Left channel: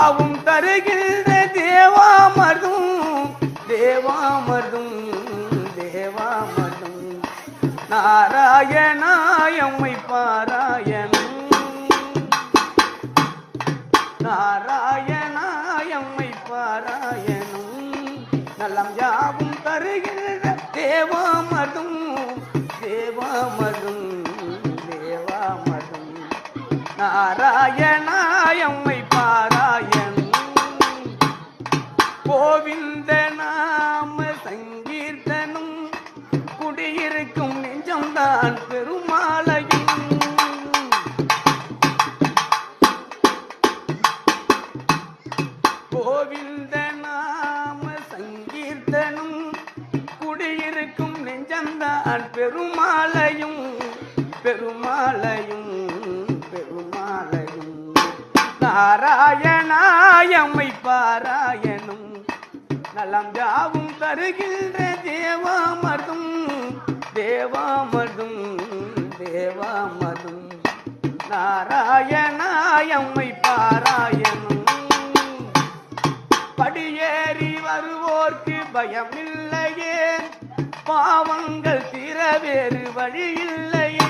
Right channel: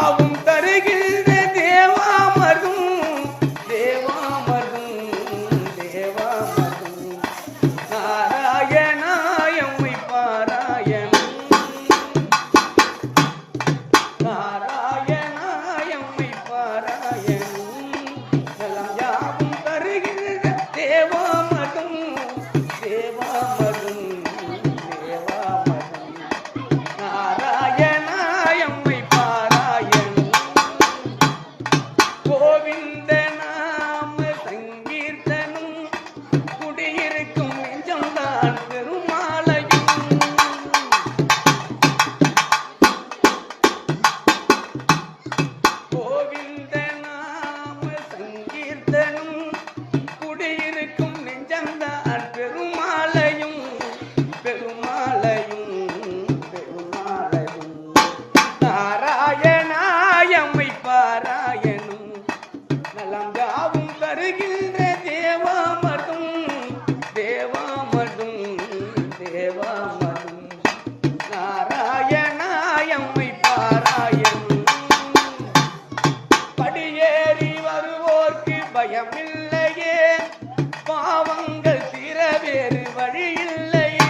யாவும் தருகின்ற தேவாமதும் தேவாமதும் தேவாமதும் நாராயணாயம்மை பாராயணம் நாராயணாயம்மை பாராயணம் நலம் யாவும் தருகின்ற தேவாமதும் தேவாமதும் தேவாமதும் நாராயணாயம்மை பாராயணம் கோவிந்த நாம சங்கீர்த்தனம் குடியிருக்கும் நெஞ்சம்தான் பெருமாளையும் கோவிந்த நாம சங்கீர்த்தனம் குடியிருக்கும் நெஞ்சம்தான் பெருமாளையும் பெருமாளையும் பெருமாளையும் நாராயணாயம்மை பாராயணம் நலம் யாவும் தருகின்ற தேவாமதும் தேவாமதும் தேவாமதும் நாராயணாயம்மை பாராயணம் படியேறி வருவோர்க்கு பயமில்லையே பாவங்கள் தீர வேறு வழியில்லையே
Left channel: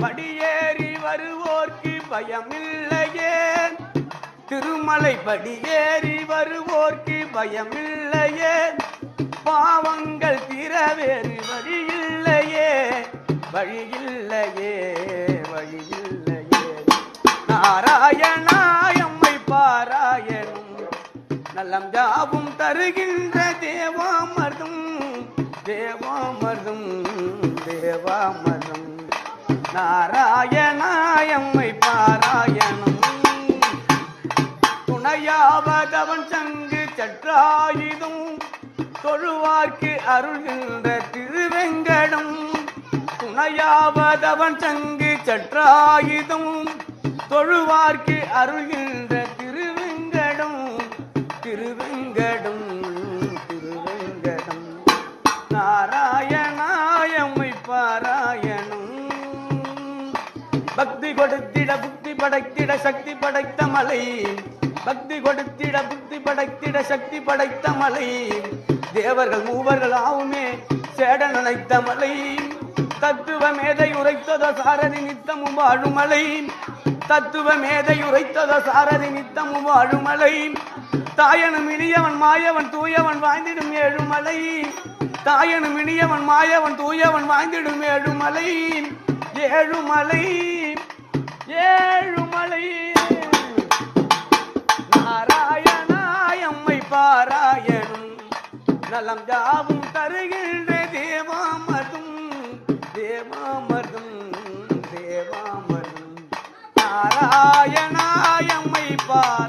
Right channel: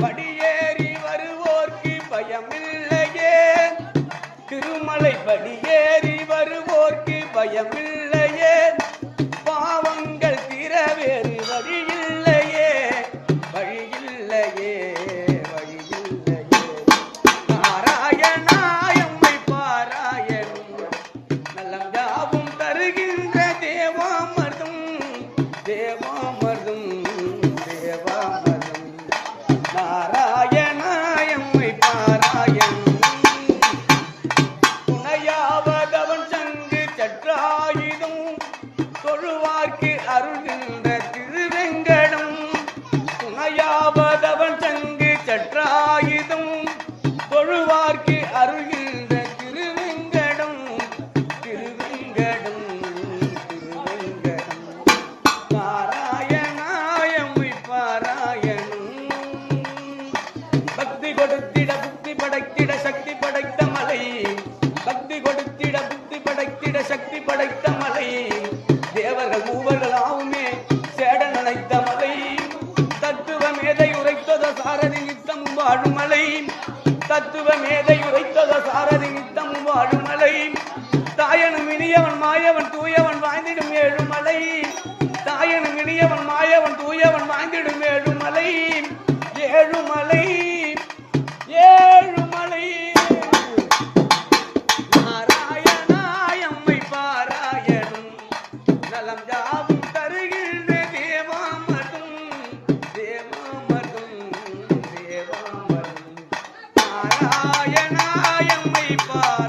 படியேறி வருவோர்க்கு பயமில்லையே திருமலை படியேறி வருவோர்க்கு பயமில்லையே பாவங்கள் தீர வேறு வழியில்லையே வழியில்லையே வழியில்லையே நாராயணாயம்மை பாராயணம் நலம் யாவும் தருகின்ற தேவாமதும் தேவாமதும் தேவாமதும் நாராயணாயம்மை பாராயணம் துணையாவதவன் சங்கு சற்றாயுதும் தொழுவார்க்கு அருள்கின்ற திருவெங்கடும் துணையாவதவன் சங்கு சற்றாயுதும் தொழுவார்க்கு அருள்கின்ற திருவெங்கடும் திருவெங்கடும் திருவெங்கடும் நாராயணாயம்மை பாராயணம் பக்தி கொடுத்திட புக்தி படைத்திட சக்தி படைத்த மலை பக்தி கொடுத்திட புக்தி படைத்திட சக்தி படைத்த மலை தேவர்கள் மூவர்கள் ஆவுமே சேட நினைத்த மலை தத்துவ மேதை உரைத்தத சாரதி நித்தமும் வாழும் மலை தத்துவ மேதை உரைத்தத சாரதி நித்தமும் வாழும் மலை தாயனும் இனியவன் மாயவன் தூயவன் வாழ்ந்திடும் ஏழுமலை தாயனும் இனியவன் மாயவன் தூயவன் வாழ்ந்திடும் ஏழுமலை ஏழுமலை ஏழுமலை நாராயணாயம்மை பாராயணம் நலம் யாவும் தருகின்ற தேவாமதும் தேவாமதும் தேவாமதும் நாராயணாயம்மை பாராயணம்